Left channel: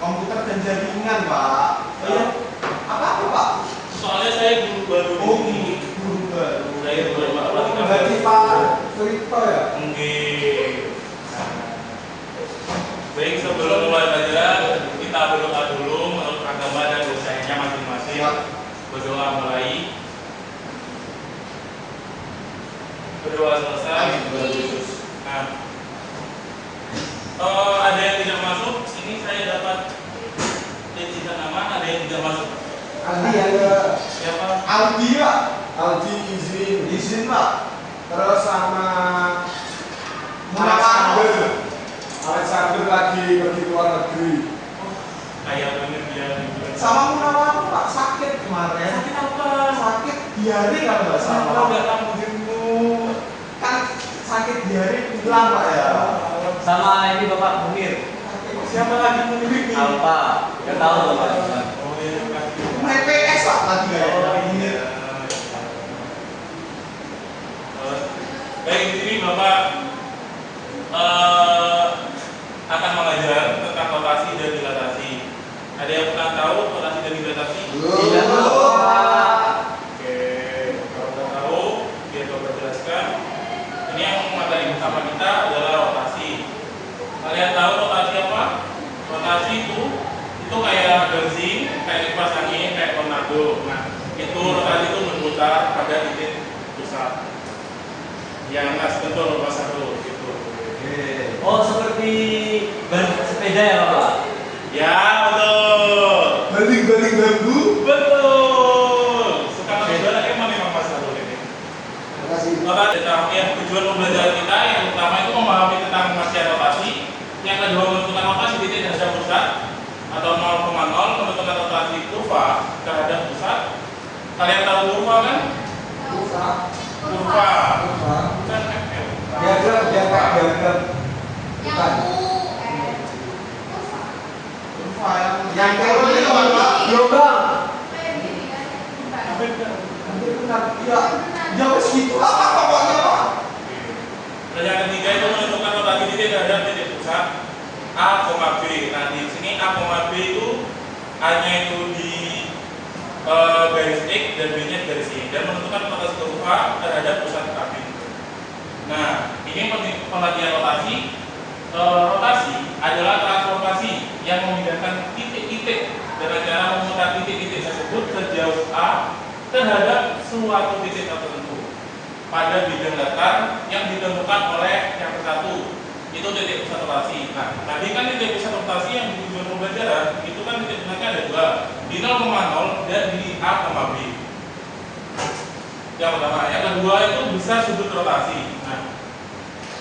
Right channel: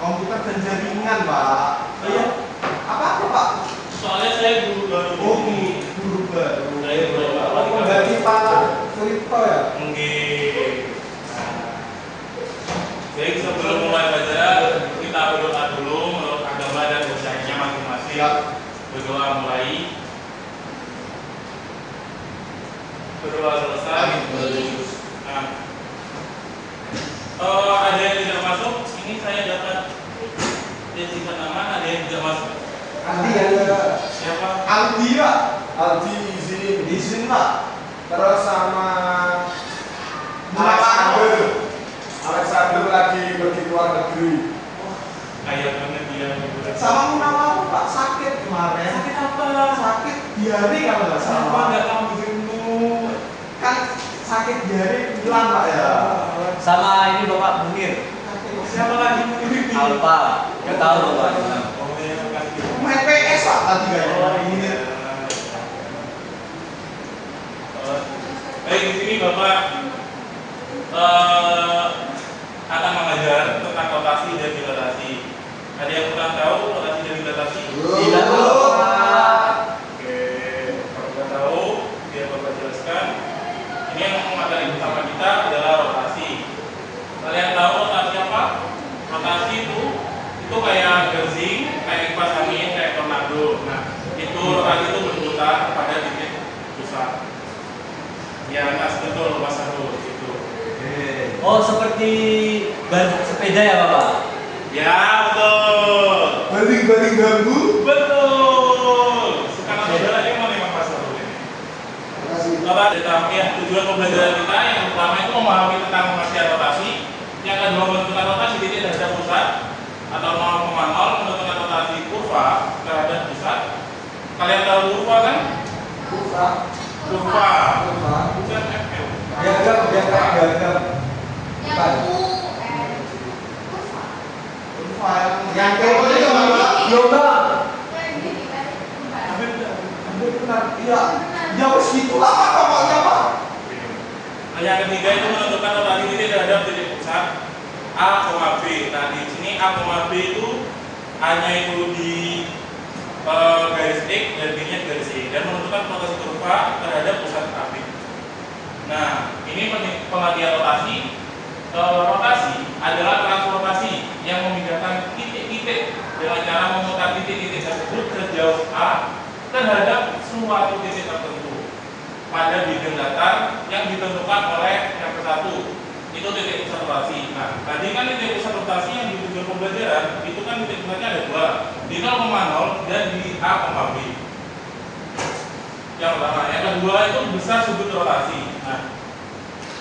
Komputer dan jaringan, Pak. Oh ya? Apa Pak? Soalnya saya guru baru ini. Guru baru. Saya belum apa Dari Pak Kripto ya? Enggak. Baik, sebelum mulai belajar kita berdoa dulu menurut agama dan dosanya masing-masing. Berdoa mulai. Berdoa selesai. Nah, ada yang tidak masuk. Ini saya dapat tidak nama. Ada yang tidak masuk. Aldi yang Siapa? Aldi Pak. Aldi izin Pak. Terus sama Alexander lagi pergi ke luar negeri. Kayak banget dia. Sama Munawar Pak sakit kemarin. Sakit apa? Sakit diare kalau nggak Kenapa salah. nggak kamu jenguk? Kan sakit diare hilang Pak ya. Sama ini Bapak Munir. Siapa lagi Munir ini? Alfa. Nggak tahu Bapak. Oh ya, makasih. Main PS Pak tadi kayaknya. Iya. Baik, di sini Bapak akan mengajar tentang rotasi dan dilatasi. Ada yang kurang tahu rotasi dan dilatasi? Tidak tahu. Oke, kalau nggak tahu, biar Bapak jelaskan. Ini yang materi utama kita adalah rotasi. Kalian tahu rotasi apa? Rotasi itu kayak garsing, kayak kipas angin, kayak tornado. Nah, itu rotasi itu berputar pada titik pusat. Yang atas betul Mas Arul gitu. Oh, seperti ban sepeda ya Bapak? Ya, betul. Baling bambu. Betul. Sekarang saudara emang Mas Arul ini. Terima kasih. Bapak, ya, tujuan pembelajaran kita yang pertama itu memahami tentang rotasi rotasi. Yang kedua menentukan rotasi titik terhadap pusat atau 0,0 menentukan rotasi kurva terhadap pusat. Kalian tahu kurva kan? Kurva. Bukan FL. Diagram. Bukan. Kurva yang turun itu apa? Gelombang. Hampir benar. Iya. Ya wes gitu lah Pak, pokoknya Pak. Nah, yang ketiga itu menentukan rotasi titik terhadap titik pusat A, B. Nah, di sini A, B itu A-nya itu di garis X dan B-nya di garis Y dan menentukan rotasi kurva terhadap pusat grafik. Nah, ini pengertian rotasi. Rotasi adalah transportasi yang memindahkan titik-titik dengan cara memutar titik-titik tersebut sejauh A terhadap suatu titik tertentu pada bidang datar yang ditentukan oleh yang satu. Itu titik pusat rotasi. Nah, tadi kan titik pusat rotasi yang di tujuan pembelajaran itu kan titik pusatnya ada dua, di 0,0 dan di A, B. Yang pertama, yang kedua itu besar sudut rotasi. Nah,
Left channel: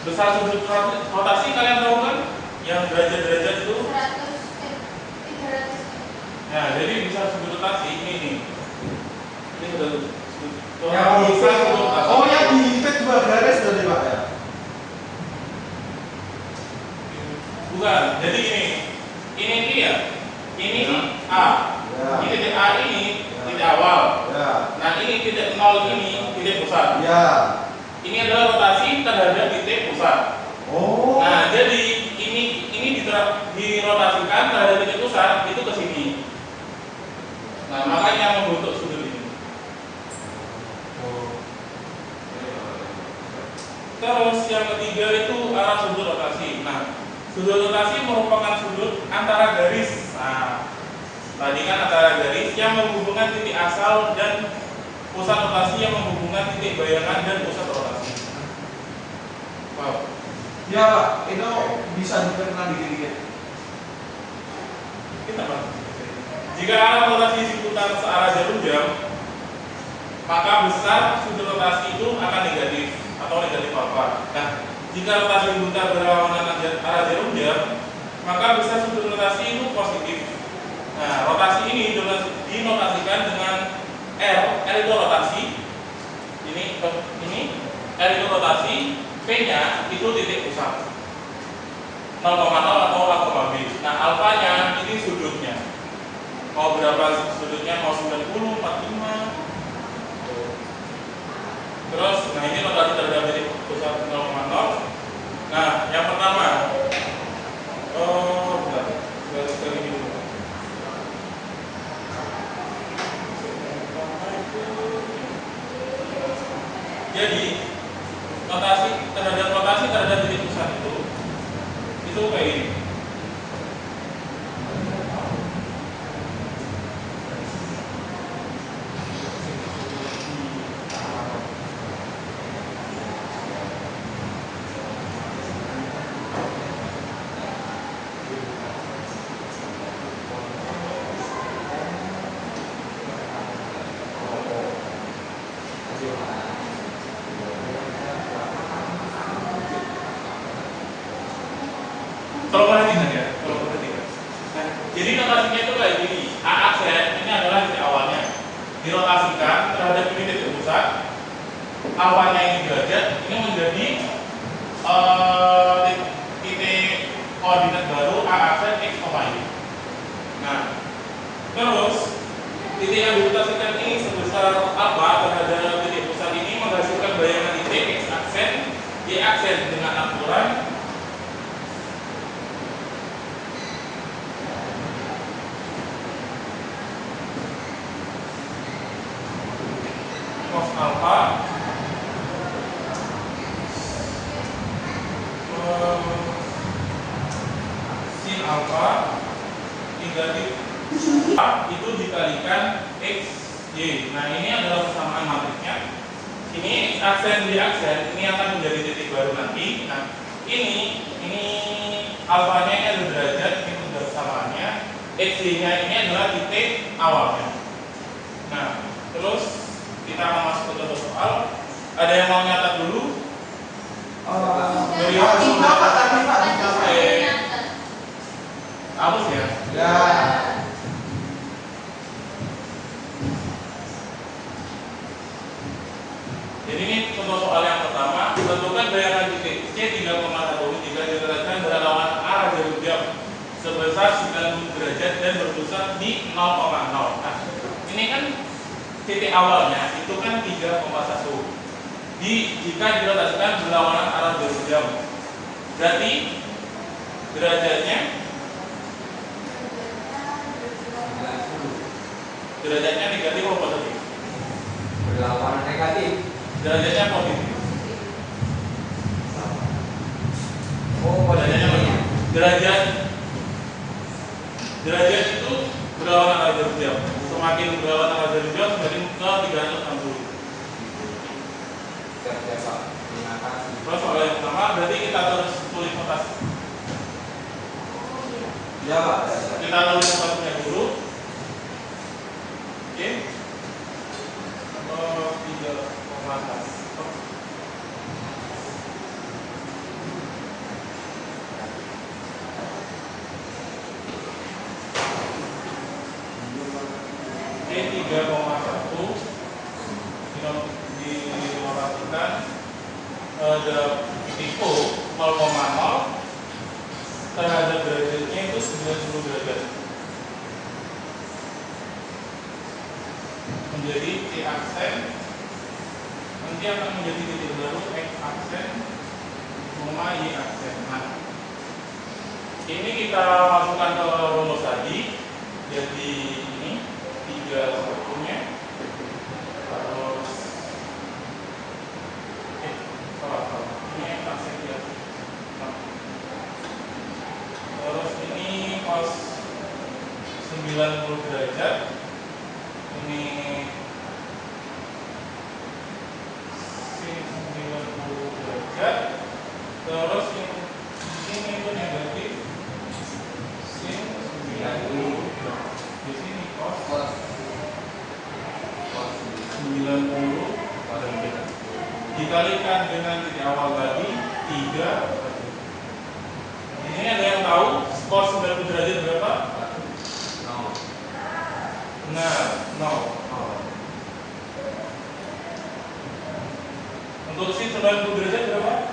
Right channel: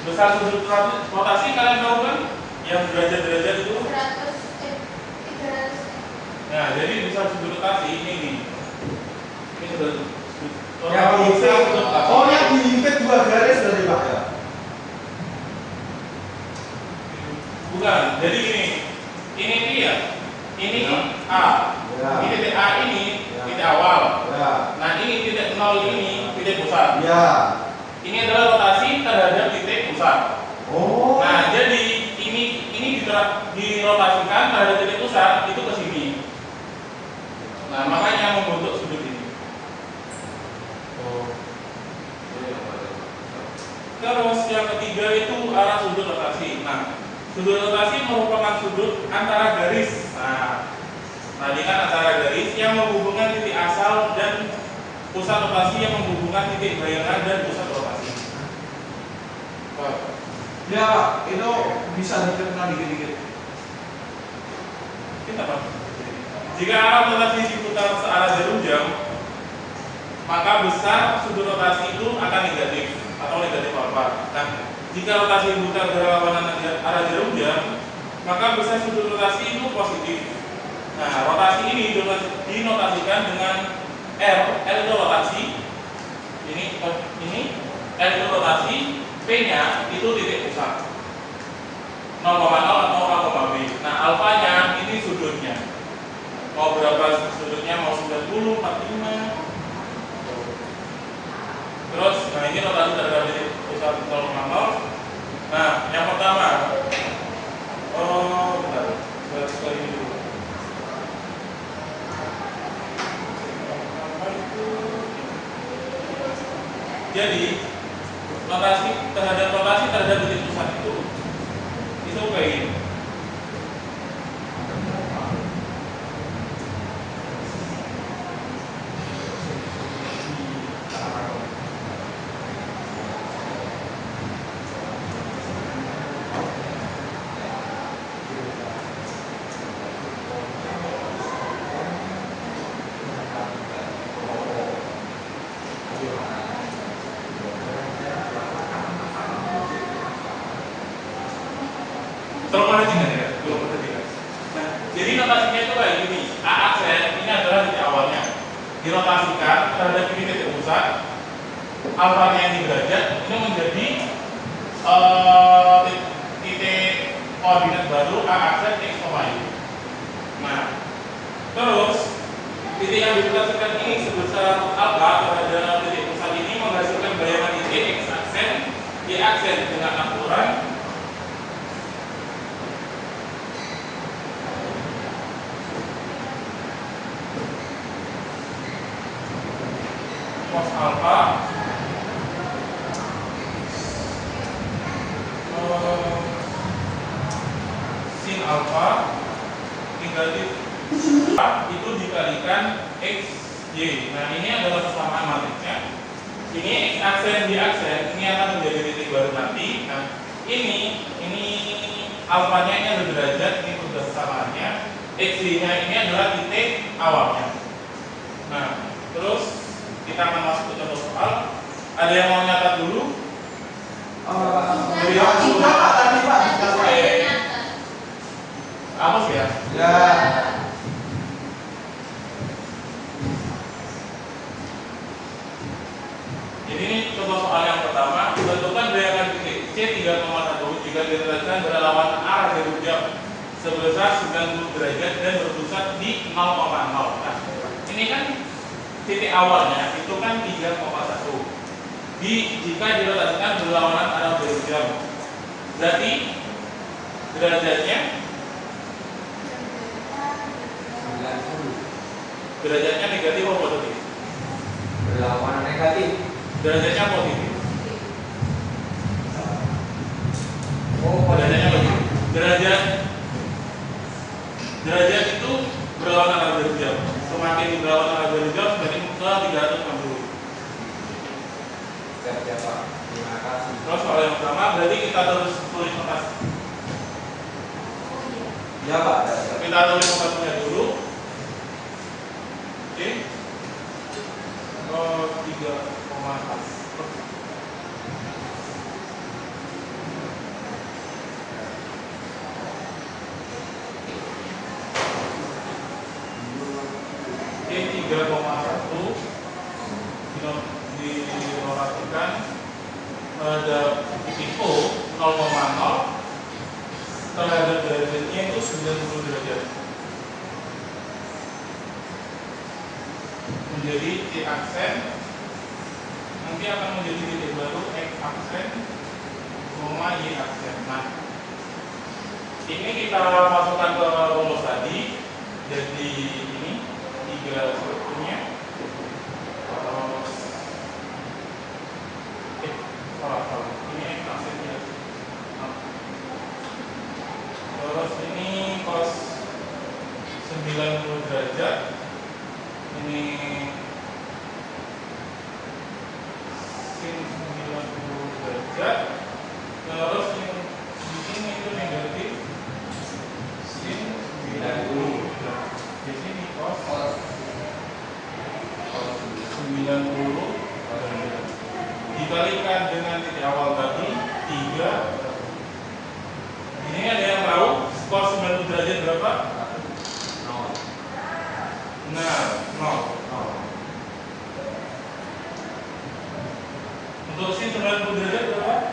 besar sudut rotasi kalian tahu kan? Yang derajat-derajat itu. 300. Nah, jadi besar sudut rotasi ini nih. Ini sudah Yang besar sudut rotasi. Oh, yang diikat dua garis dari Pak ya. Bukan. Jadi ini dia. Ini A. Ya. Ini titik A ini titik awal. Ya. Nah, ini titik 0 ini titik pusat. Ya. Ini adalah rotasi terhadap titik pusat. Oh. Nah, jadi ini dirotasikan terhadap titik pusat itu ke sini. Nah, makanya membentuk sudut ini. Terus yang ketiga itu arah sudut rotasi. Nah, sudut rotasi merupakan sudut antara garis. Nah, tadi kan antara garis yang menghubungkan titik asal dan pusat rotasi yang menghubungkan titik bayangan dan pusat rotasi. Ya, itu bisa dikenal dikit-dikit. Kita Pak. Jika arah rotasi diputar searah jarum jam, maka besar sudut rotasi itu akan negatif atau negatif alfa. Nah, jika rotasi diputar berlawanan arah jarum jam, maka besar sudut rotasi itu positif. Nah, rotasi ini dinotasikan dengan R itu rotasi. Ini R itu rotasi, P-nya itu titik pusat. 0,0 atau A, B. Nah, alfanya ini sudutnya. Mau berapa sudutnya? Mau 90, 45. Terus, nah ini rotasi terhadap titik pusat 0,0. Nah, yang pertama, bentar, sekali ini dulu. Jadi notasi terhadap titik pusat itu kayak ini. Tolong perhatikan ya, tolong perhatikan. Nah, jadi notasinya itu kayak gini. A aksen ini adalah titik awalnya. Dirotasikan terhadap ini titik pusat. Alfanya ini derajat, ini menjadi titik koordinat baru A aksen x, y. Nah, terus titik yang dirotasikan ini sebesar alfa terhadap titik pusat ini menghasilkan bayangan titik x aksen, y aksen dengan akuran cos alpha sin alpha negatif itu dikalikan x y. Nah, ini adalah persamaan matriksnya. Ini x aksen y aksen ini akan menjadi titik baru nanti. Nah, ini alfanya ini adalah derajat, ini sudah persamaannya. X y-nya ini adalah titik awalnya. Nah, terus kita akan masuk ke contoh soal. Ada yang mau nyatat dulu? Apa sih ya? Ya. Jadi ini contoh soal yang pertama. Tentukan bayangan titik C 3,1 jika diletakkan pada lawan arah jarum jam sebesar 90 derajat dan berpusat di 0,0. Nah, ini kan titik awalnya itu kan 3,1. Jika dirotasikan berlawanan arah jarum jam, berarti derajatnya negatif atau positif? Berlawanan negatif. Derajatnya positif. Oh, Derajatnya positif. Derajat itu berlawanan arah jarum jam. Semakin berlawanan arah jarum jam, semakin ke 360. Terima kasih. Terus soal yang pertama berarti kita terus tulis notasi. Ya, Pak. Kita tulis satunya dulu. Oke. 3,4. Oke, 3,1 dilakukan ada titik O 0,0 terhadap derajatnya itu 90 derajat menjadi T aksen, nanti akan menjadi titik baru X aksen, Y aksen. Nah, ini kita masukkan ke rumus tadi. Jadi ini 3 satunya. Ini X aksen ya. Terus ini cos 90 derajat. Ini sin 90 derajat. Terus ini di sini itu negatif sin 90. Di sini cos 90 derajat. Dikalikan dengan titik awal tadi 3. Ini ada yang tahu cos 90 derajat berapa? Nah, 0. Untuk sin 90 derajat berapa?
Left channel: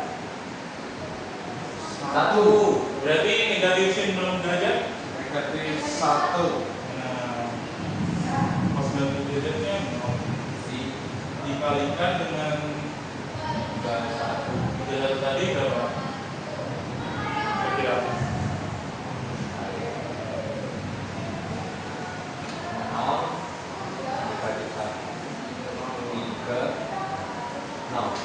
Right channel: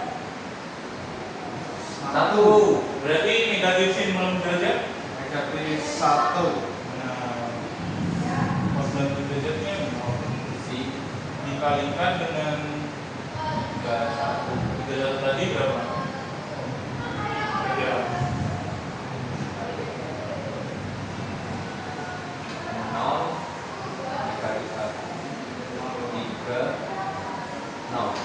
1. Berarti negatif sin 90 derajat? Negatif 1. Nah, cos 90 derajatnya 0. Dikalikan dengan 31 tadi berapa? Ya. 0 dikali 1 3 0.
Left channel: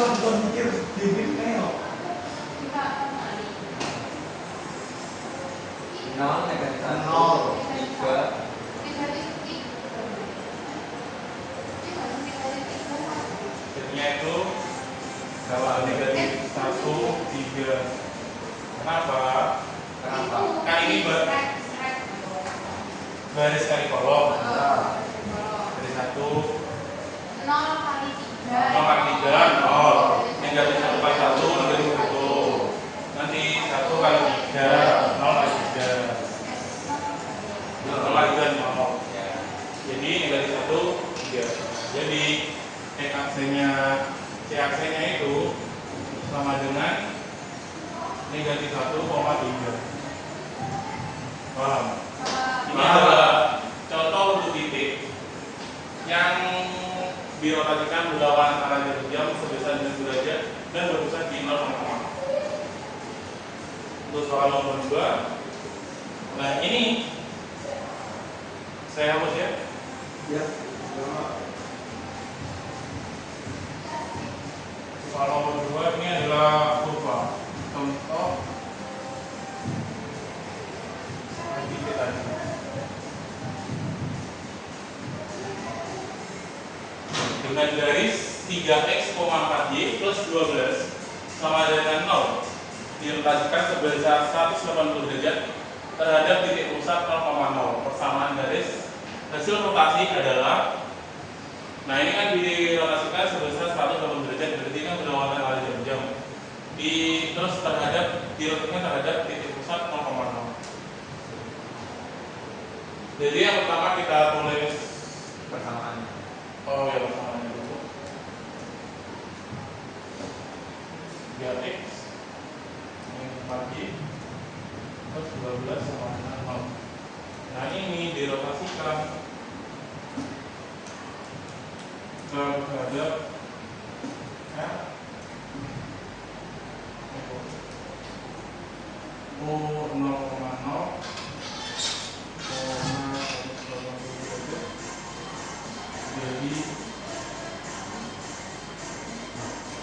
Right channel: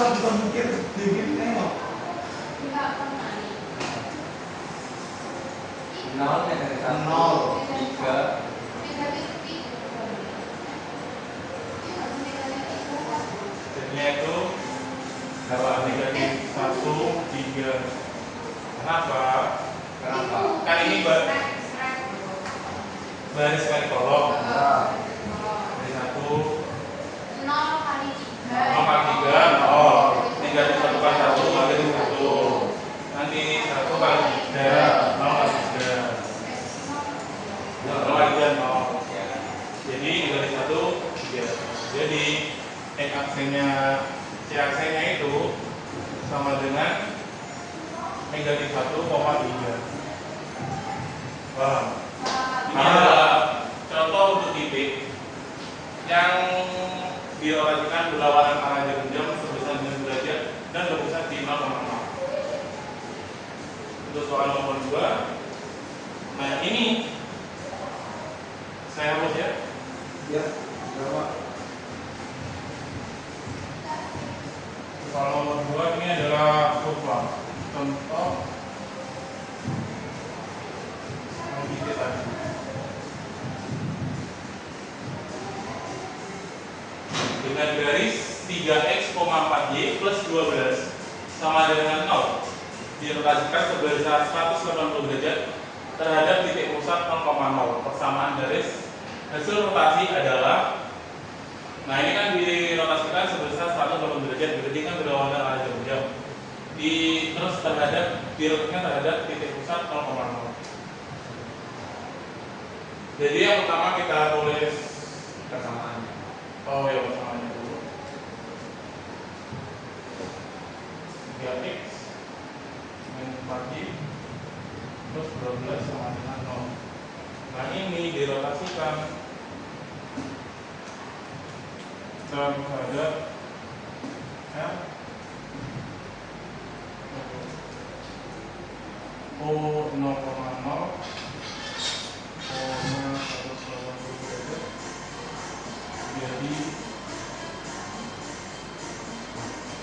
susah bukan mikir bikin nengok. Enggak pernah. Nol negatif satu, Nol. tiga. Jadinya itu kalau negatif 1, 3. Kenapa? Kenapa? Kan ini baris kali kolom. Dari 1 0 kali 3. 0 kali 3, 0. Negatif 1 kali 1, negatif 1. Nanti 1 kali 3, 0 kali 3. 0 kali 3, 0. Jadi negatif 1, 3. Jadi C aksennya itu sama dengan negatif 1,3. Paham? Ini adalah contoh untuk titik yang dirotasikan berlawanan arah jarum jam sebesar 9 derajat dan berpusat di 0, 0. Untuk soal nomor 2. Nah ini saya hapus ya. Ya, coba. Soal nomor 2 ini adalah kurva. Contoh titik tadi. Dengan garis 3x, 4y plus 12 sama dengan 0 dirotasikan sebesar 180 derajat terhadap titik pusat 0,0. Persamaan garis hasil rotasi adalah, nah ini kan dirotasikan sebesar 180 derajat, berarti kan berlawanan arah jam. Terus dirotasikan terhadap titik pusat 0,0. Jadi yang pertama kita tulis Persamaannya. oh ya persamaannya dulu. 3x pagi terus 12 sama dengan 0. Nah ini dirotasikan terhadap L O 0,0 jadi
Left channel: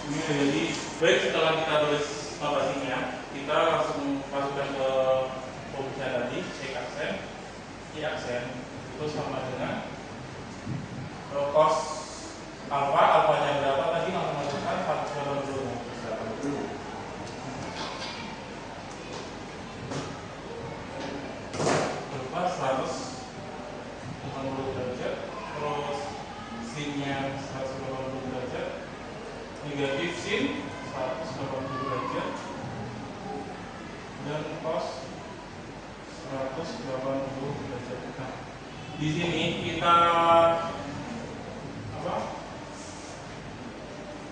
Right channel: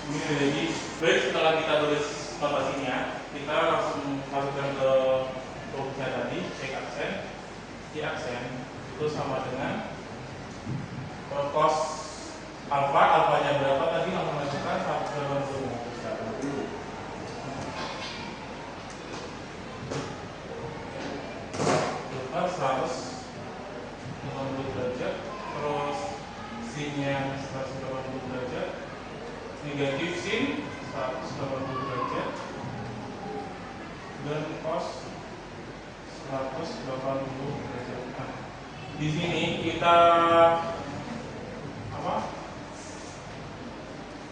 ini jadi baik. Setelah kita tulis notasinya, kita langsung masukkan ke rumusnya tadi. X aksen, Y aksen itu sama dengan cos alfa, alfanya berapa tadi langsung masukkan 180. Berapa 180 derajat, terus sinnya 180 derajat, negatif sin 180 derajat, dan cos 180 derajat. Nah, di sini kita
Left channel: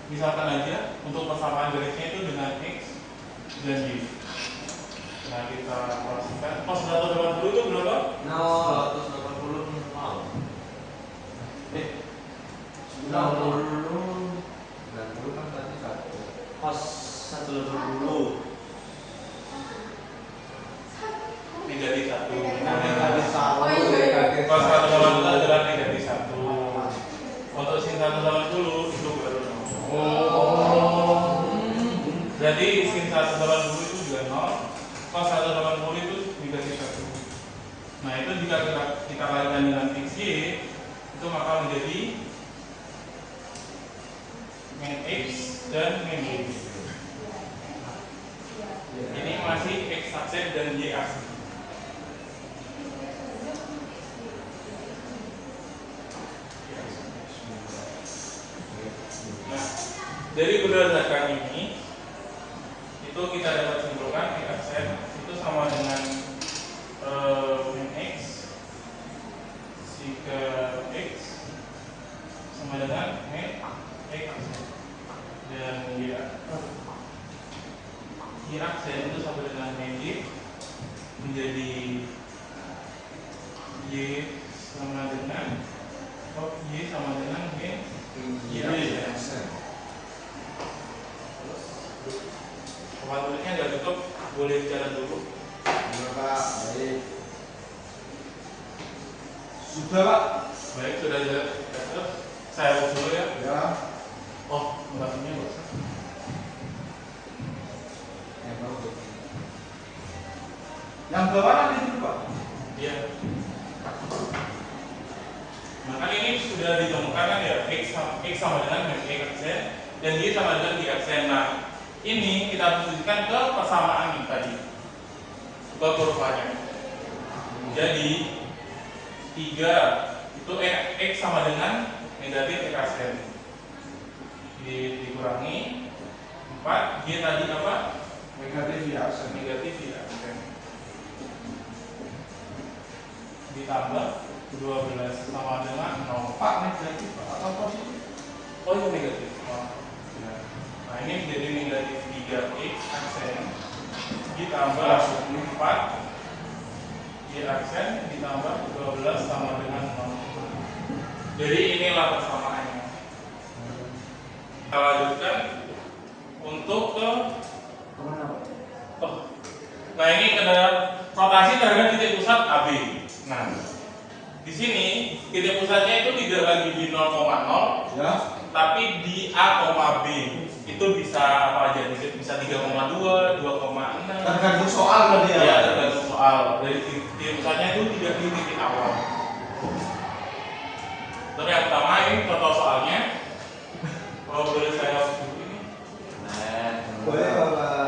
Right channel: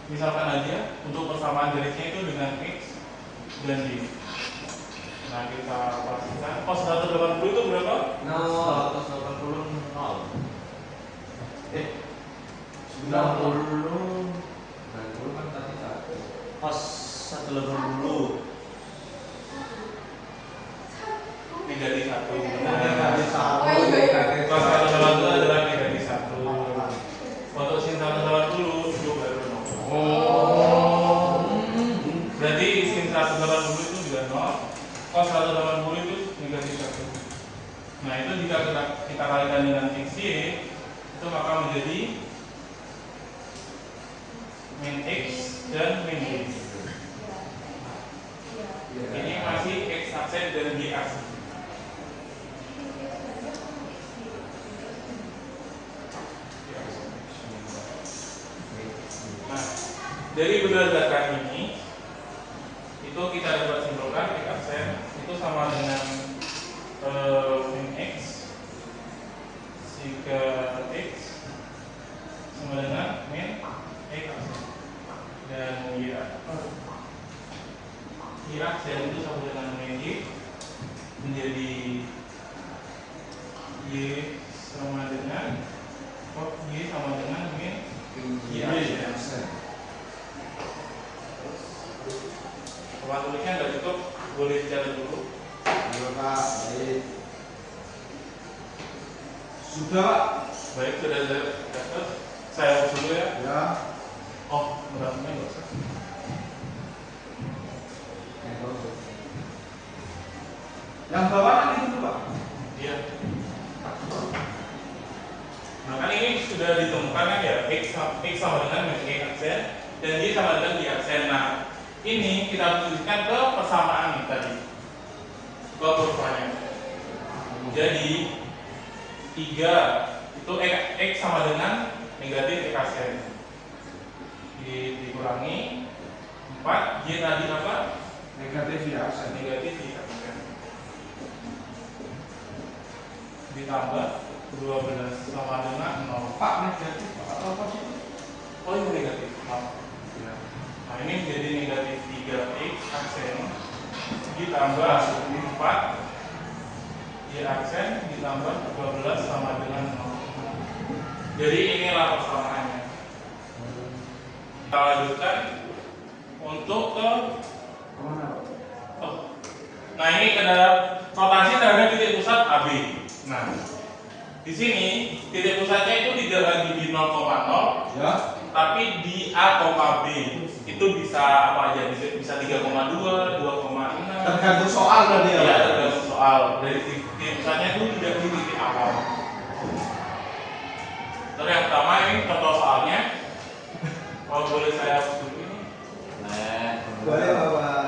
misalkan aja untuk persamaan garisnya itu dengan x dan y. Nah kita pastikan cos 180 itu berapa? 180 nol. 90 kan tadi 1. Pas 180. Negatif 1. Negatif 1. Oh, iya. Cos 180 adalah negatif 1. Untuk sin 180 itu baru 0. Berarti sin 180 itu juga 0. Cos 180 itu negatif 1. Nah itu jika kita kalikan dengan x y, itu maka menjadi min x dan min y. Ini masih x aksen dan y aksen. Nah, dari berdasarkan ini, itu kita dapat simpulkan x aksen itu sama dengan min x jika x sama dengan min x dan y aksen itu sama dengan min y menjadi y sama dengan min y aksen. Kalau tulisnya nggak cukup, boleh dicatat dulu. Ya, Pak. Baik. Sudah, Pak. Baik, sudah catat. Saya hapus dulu ya. Ya. Oh, notasinya nggak usah. Yang bawah kan itu Pak. Iya. Nah kan ini sudah ditemukan kan ya X sama dengan Y aksen dan Y sama dengan Y aksen. Nah ini kita posisikan ke persamaan nih tadi ke kurvanya. Jadi 3 itu X sama dengan negatif X aksen dikurangi 4 Y tadi apa? Negatif ya. Negatif Y aksen ditambah 12 sama dengan 0. Pak negatif Pak atau positif? Oh ini negatif. Nah ini menjadi negatif 3x aksen ditambah 4 y aksen ditambah 12 sama dengan 0. Jadi inilah persamaannya. Kita lanjutkan untuk ke Kemana Pak? nah ini terhadap rotasi terhadap titik pusat AB. Nah di sini titik pusatnya itu tidak lagi di 0,0 Ya. tapi di A, B itu bisa apa aja? Bisa 3,2, 2,6. Tergantung soal berarti ya. Ya, tergantung soal. Dari titik pusatnya itu tidak di titik awal. Terus yang pertama ini contoh soalnya. Kalau boleh saya dulu ini. Boleh Bapak.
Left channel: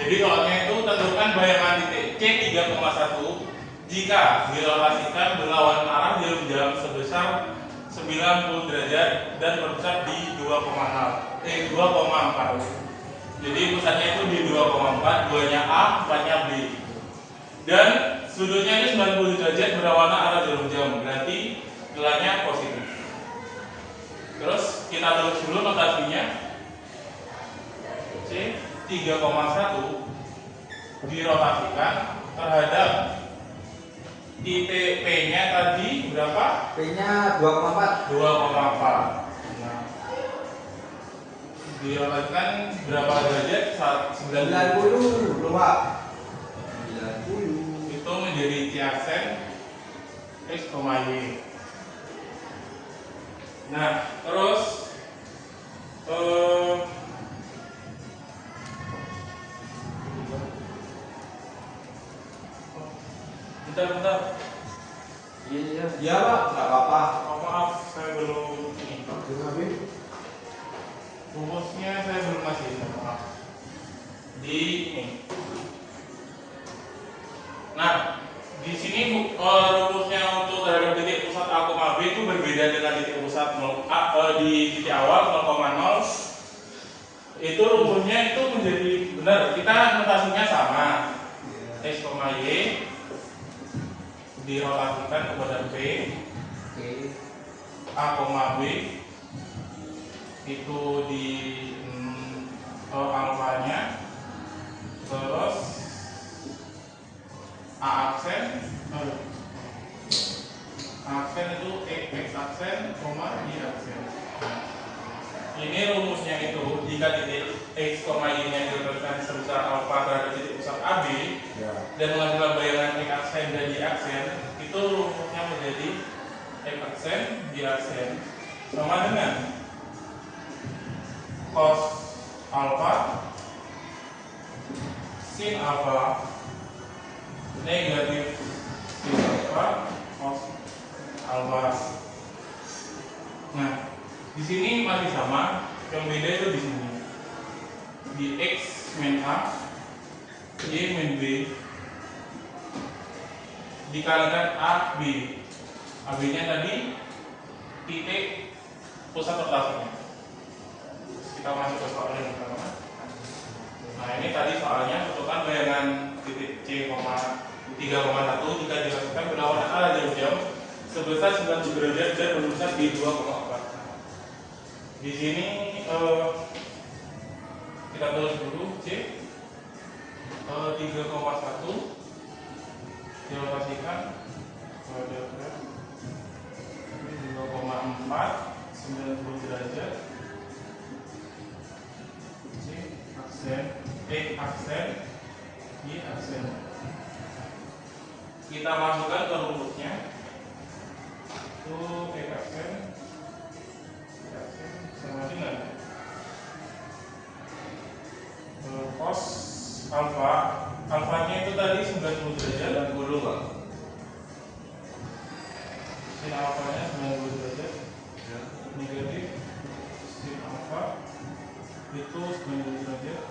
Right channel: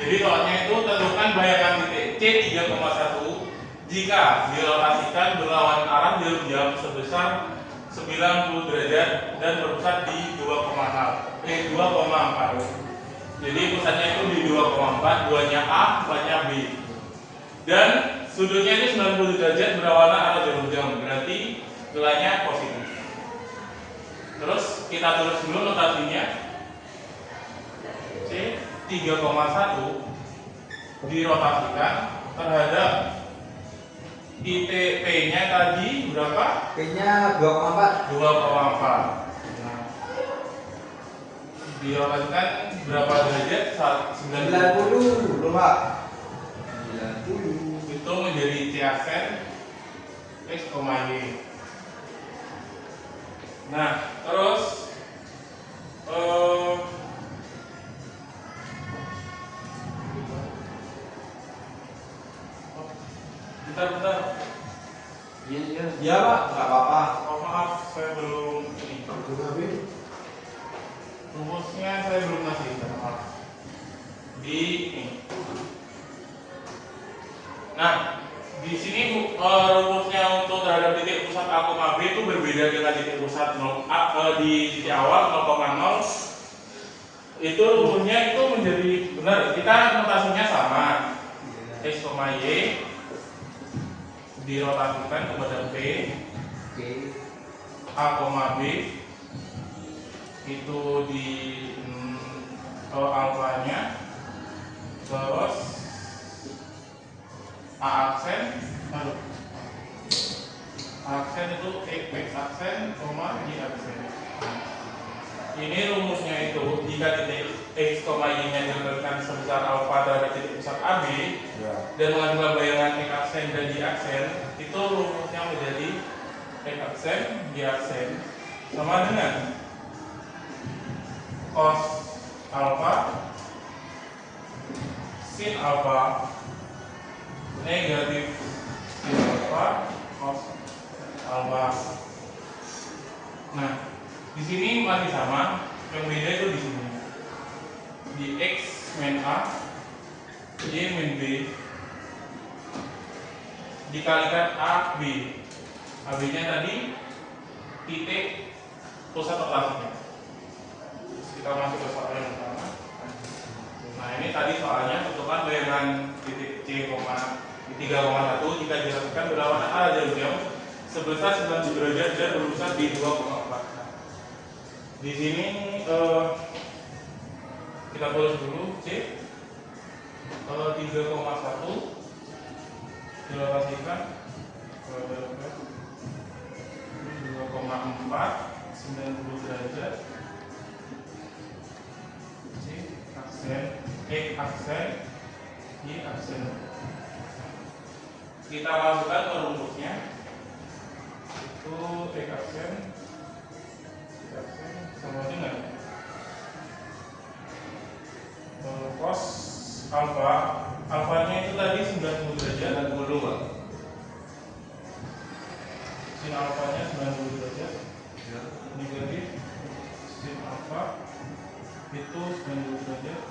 Jadi soalnya itu tentukan bayangan titik C 3,1 jika dirotasikan berlawanan arah dalam jam sebesar 90 derajat dan berpusat di 2,4. Jadi pusatnya itu di 2,4, duanya A, 4-nya B. Dan sudutnya ini 90 derajat berlawanan arah jarum jam, berarti nilainya positif. Terus kita tulis dulu notasinya. C 3,1 dirotasikan terhadap titik P-nya tadi berapa? P-nya 2,4. 2,4. Nah, dirotasikan berapa derajat? 90. Belum Pak. 90. Itu menjadi C aksen X, Y. Nah, terus bentar. Iya Pak, nggak apa-apa. Oh maaf, saya belum ini. Rumusnya saya belum ngasih, maaf. Di ini. Nah, di sini rumusnya untuk terhadap titik pusat A, B itu berbeda dengan titik pusat di titik awal 0,0. Itu rumusnya itu menjadi benar. Kita notasinya sama. X, Y dirotasikan kepada P, A, B itu di alfanya, terus A aksen itu X aksen, Y aksen. Ini rumusnya itu jika titik X, Y nya diletakkan sebesar alfa terhadap titik pusat AB dan mengandung bayangan X aksen dan Y aksen, itu rumusnya menjadi X aksen, Y aksen sama dengan cos alfa sin alfa negatif sin alfa cos alfa. Nah, di sini masih sama, yang beda itu di sini. Di X min A, Y min B dikalikan A B. A B nya tadi titik pusat rotasinya. Kita masuk ke soal yang pertama. Nah ini tadi soalnya tentukan bayangan titik C, 3,1 jika dilakukan berlawanan arah jarum jam sebesar 90 derajat dan berpusat di 2,4. Di sini kita tulis dulu C 3,1 dirotasikan kepada 2,4 90 derajat C aksen X aksen Y aksen. kita masukkan ke rumusnya itu X aksen sama dengan cos alfa. Alfanya itu tadi 90 derajat. 90 Pak. Sin alfanya 90 derajat. Ya. Negatif sin alfa itu 90 derajat.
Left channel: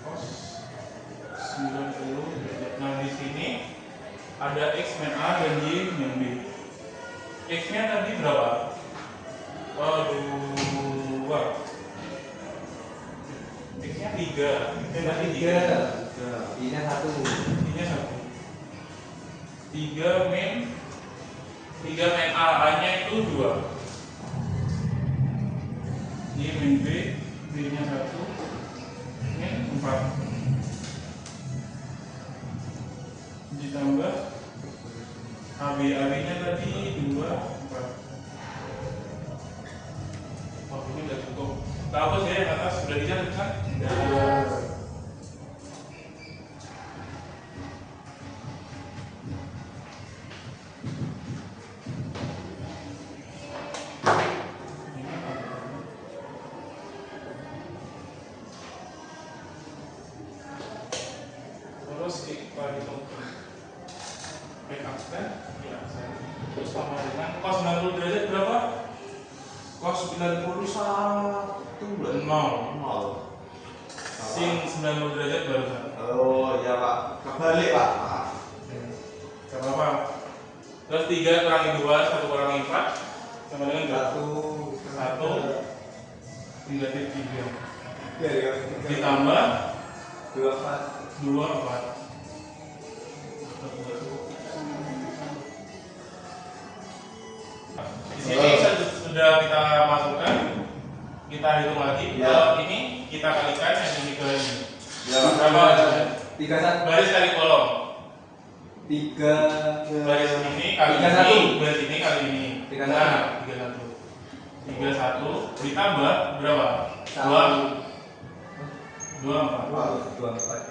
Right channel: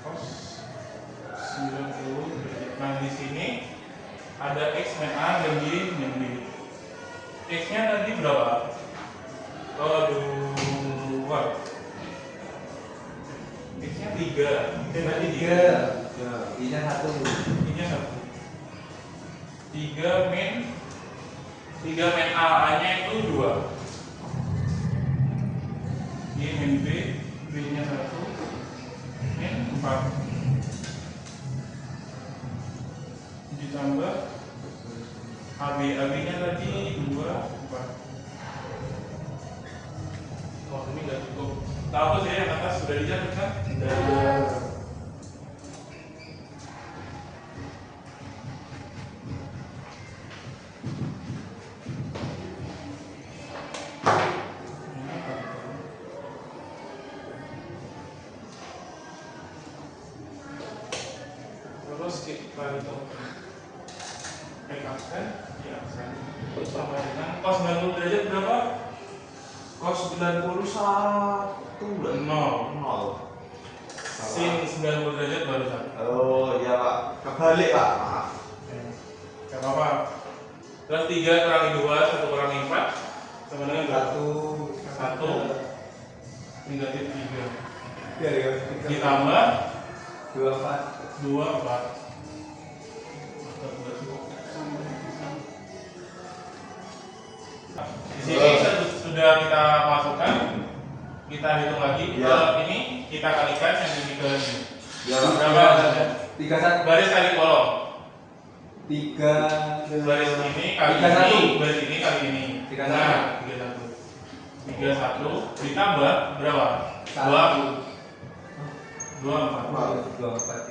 Cos 90 derajat. Nah, di sini ada X min A dan Y min B. X-nya tadi berapa? Oh, 2. X-nya 3. Tadi 3. Ini 1. Ini 1. 3 min A, A-nya itu 2. Y min B, B-nya 1. Min 4. Ditambah AB-nya tadi 2, 4. Oh, ini nggak cukup. Tahu saya yang atas sudah dicatat kan? Tidak. Terus kita hitung X aksen, Y aksen sama dengan cos 90 derajat berapa? Cos 91 berarti 0. Sin 90 derajat baru 1. Oh iya Pak, kebalik Pak. Maaf. Gak apa-apa. Terus 3 kurangi 2, 1 kurangi 4 sama dengan berapa? 1 negatif 3 Ya, ditambah 24. 2, 4. Di sini sudah kita masukkan, kita hitung lagi. Ya. Ini kita kalikan yang ini ke ini. Ya Pak. Berapa? 31. Baris kali kolom. 3. Baris ini kali 31. ini, baris ini kali ini. 31. Nah, 31. 31 ditambah berapa? 2, 4. 24.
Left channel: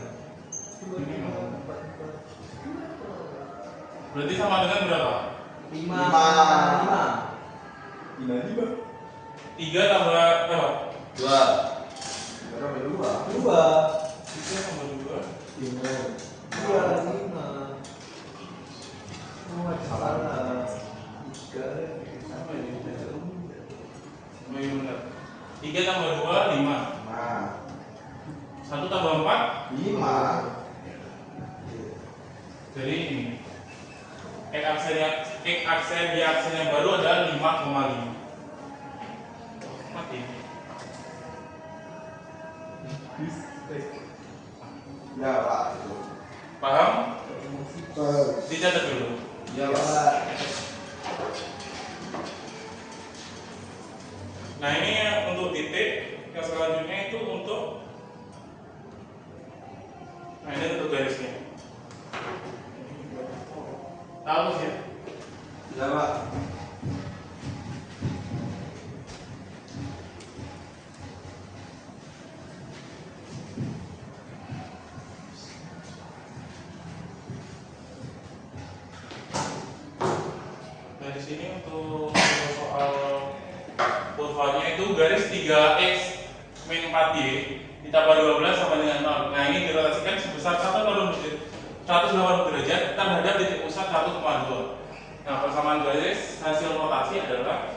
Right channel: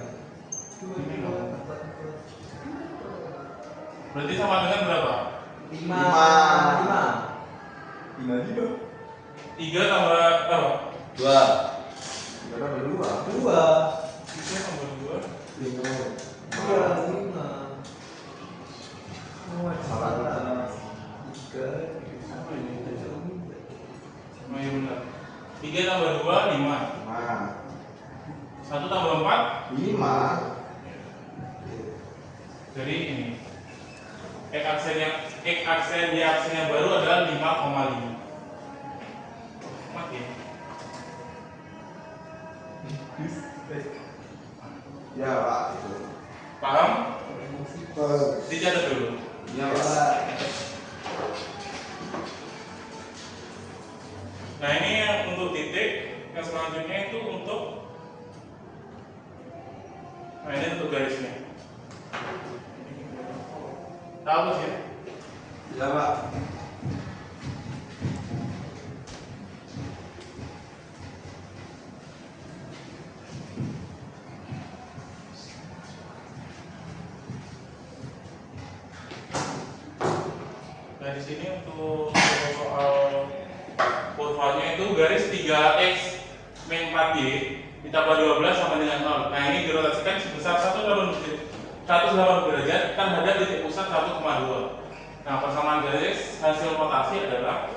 Berarti sama dengan berapa? 5. 3 tambah berapa? 2. Berapa 2? 3 tambah 2. 5. Oh, salah. 3. Apa ini? Sama ini benar. 3 tambah 2, 5. 1 tambah 4, 5. jadi ini X aksen Y aksen yang baru adalah 5,5. Mati. Ya Pak. Paham? Dicatat dulu. Ya Pak. Nah, ini yang untuk titik. Yang selanjutnya itu untuk, nah ini untuk garisnya. Tahu sih ya? Ya Pak. Nah, di sini untuk soal kurvanya itu garis 3x min 4y ditambah 12 sama dengan 0. Nah, ini dirotasikan sebesar 180 derajat terhadap titik pusat 1,2. Nah, persamaan garis hasil rotasi adalah,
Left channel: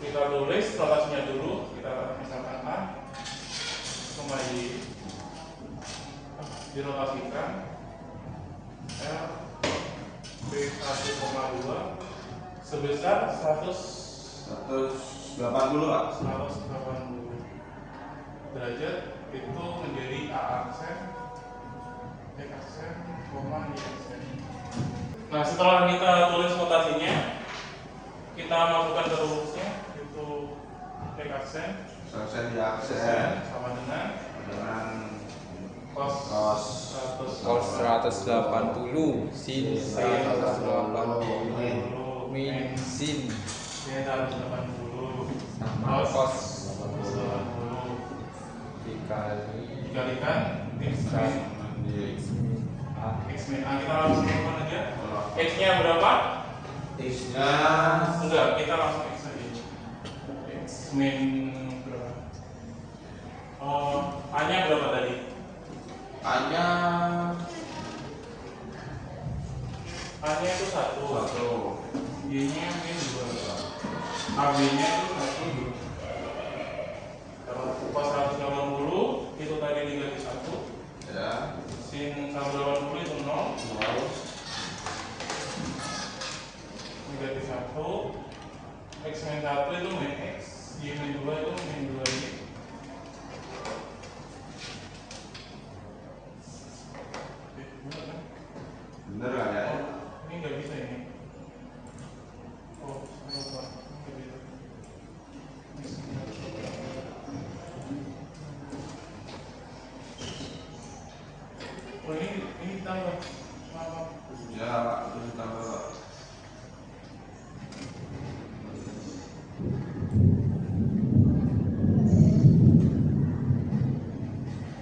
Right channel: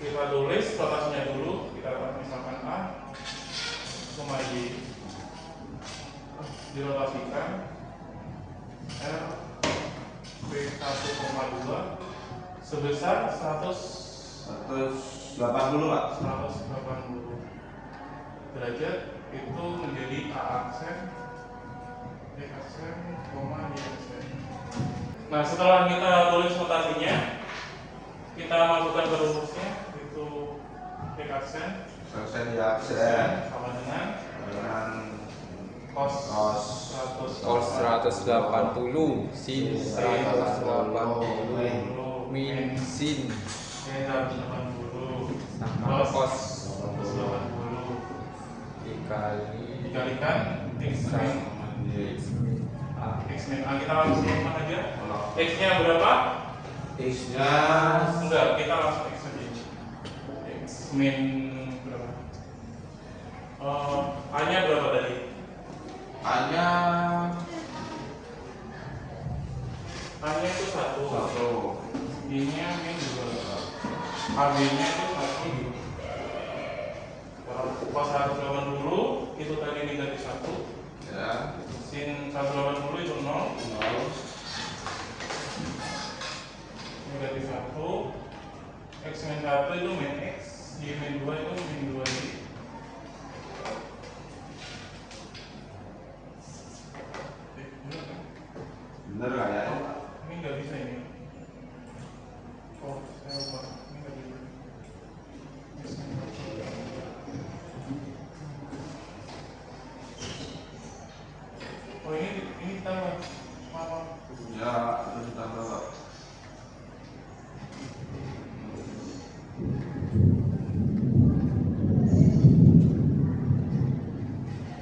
kita tulis rotasinya dulu, kita misalkan A, Y dirotasikan L B 1,2 sebesar 180 Pak. 180 derajat itu menjadi A aksen, X aksen, Y aksen. Nah, setelah kita tulis rotasinya, kita masukkan ke rumusnya, itu X aksen Aksen ya aksen sama dengan cos cos 180 sin 180 min sin sin 180 sama cos 180 dikali dikalikan X min X X min A kita langsung temukan aja. X nya berapa? X-nya Enggak, kita langsung X aja. X min berapa? A nya berapa tadi? A-nya itu 1. 1. B nya min 2. AB nya itu 1. Kalau cos 180 itu tadi negatif 1. Ya. Sin 180 itu 0. 0. Negatif 1. X min 1 itu min X. Y min 2 itu min 2 Y. Benar kan? Bener kan ya? Oh, ini nggak bisa ini. Oh, saya lupa. Ini nggak bisa. X min 1. Oh, ini tambah. Maaf. Ya, terus ditambah Pak.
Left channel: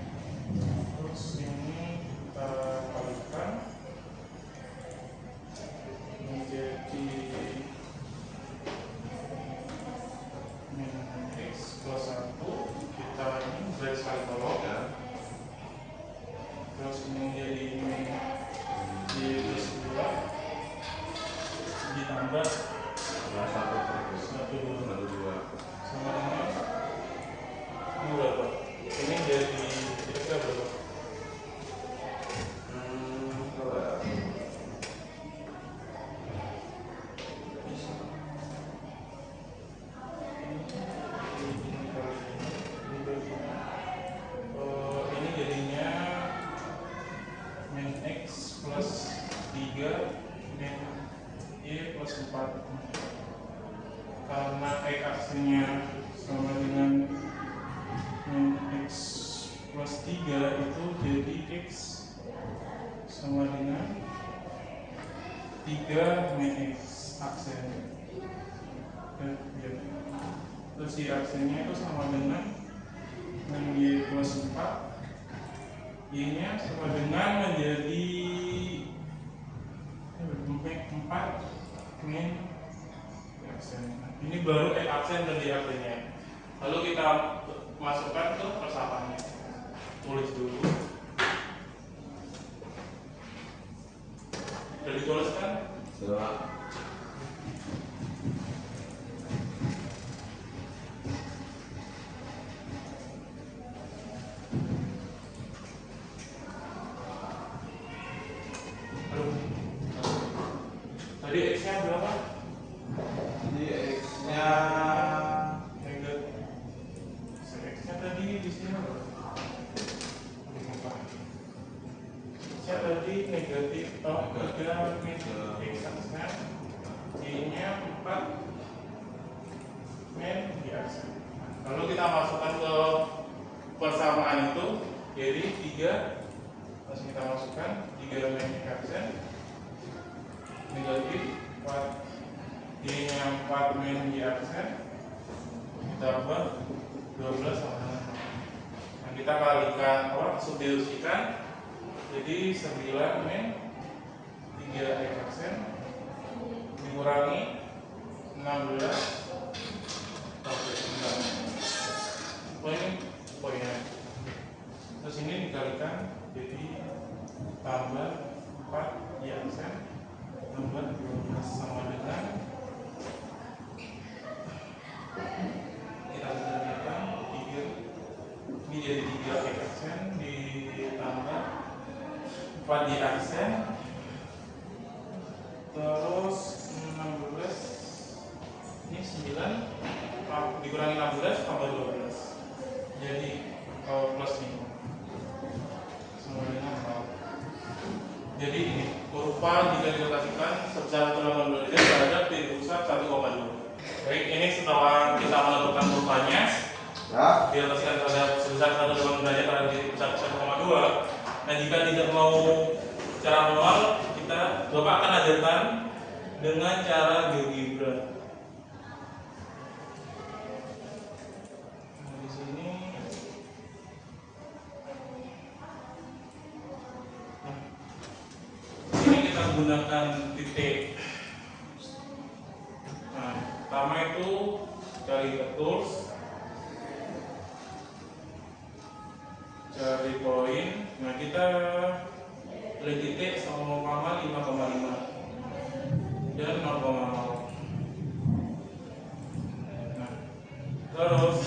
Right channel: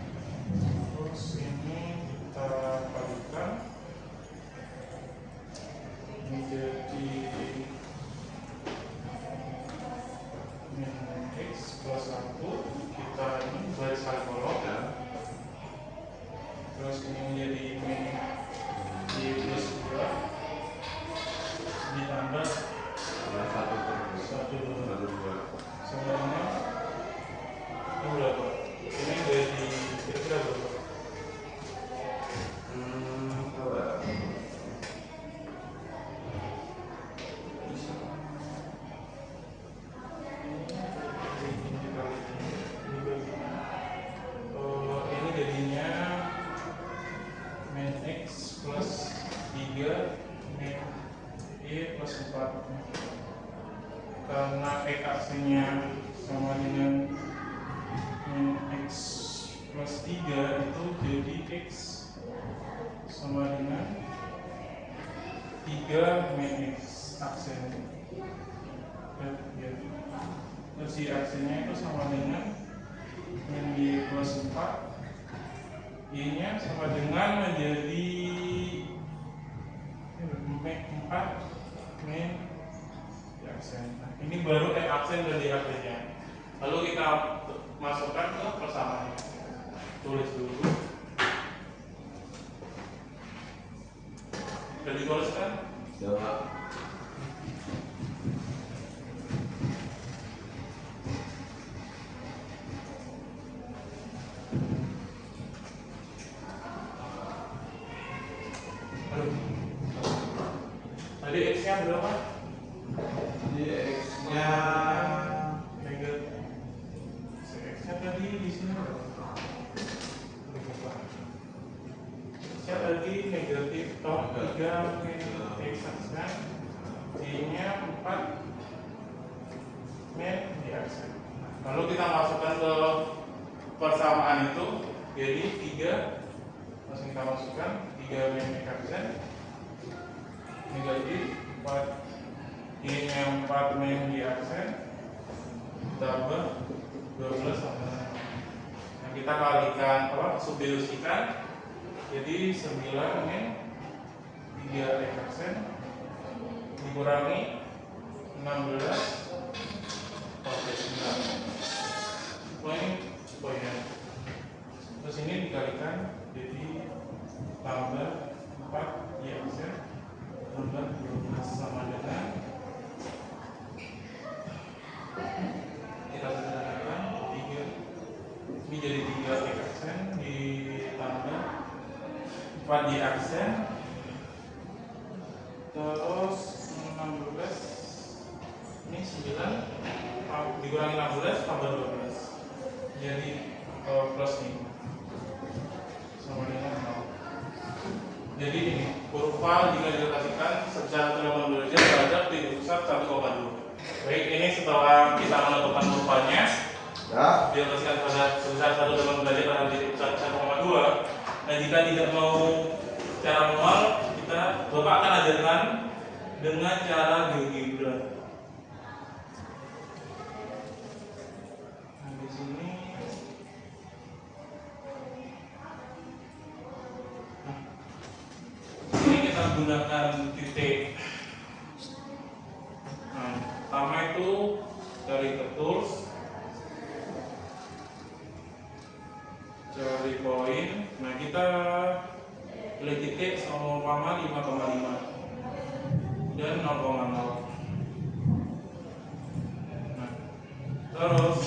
Terus ini kita kalikan menjadi min X plus 1. Kita ini garis kali kolom. Ya. Terus ini menjadi min Y plus 2 ditambah Ya, 1 per 1 2. sama ini berapa? Ini jadi kira-kira berapa? Berapa ya? Ini jadinya min X plus 3 min Y plus 4. Karena X aksinya sama dengan min X plus 3 itu jadi X sama dengan 3 min X aksen. Terus Y aksinya itu sama dengan min Y plus 4. Y nya sama dengan menjadi 4 min Y aksen. Nah, ini baru X aksen dan Y aksennya. Lalu kita masukkan ke persamaannya. Tulis dulu. Sudah dituliskan? Coba. Aduh. Tadi X-nya berapa? Ini X-nya Negatif. X-nya tadi di sini berapa? X-nya tadi negatif 3 min X aksen. Y-nya 4 min Y aksen. Lalu kita masukkan ke persamaan itu, jadi 3 langsung kita masukkan 3 min X aksen negatif 4 Y-nya 4 min Y aksen ditambah 12 sama dengan 0. Nah, kita kalikan substitusikan jadi 9 min 3 X aksen dikurangi 16 oke 9 poinnya. Terus ini dikalikan jadi tambah 4 Y aksen tambah 12 sama dengan kita sederhanakan 3. Ini jadi 3 X aksen ditambah 4 Y aksen terus 16 ini 9 dikurangi 16 tambah 12 jadi plus 5 sama dengan 0. Jadi ini kurva jika direlasikan secara 360 derajat terhadap titik pusat 1,2. Baik, ini setelah kita menentukan kurvanya ya. direlasikan terhadap sebesar 1,8 derajat terhadap titik pusat 1,2. Dan jika tidak mau cara manual, Bapak akan ajarkan dengan cara GeoGebra. Nah, di sini menggunakan titik. Nah, pertama itu cari ke tools, cari poin. Nah, kita pilih titik sama 5,5 dan 0,0. Nah, terus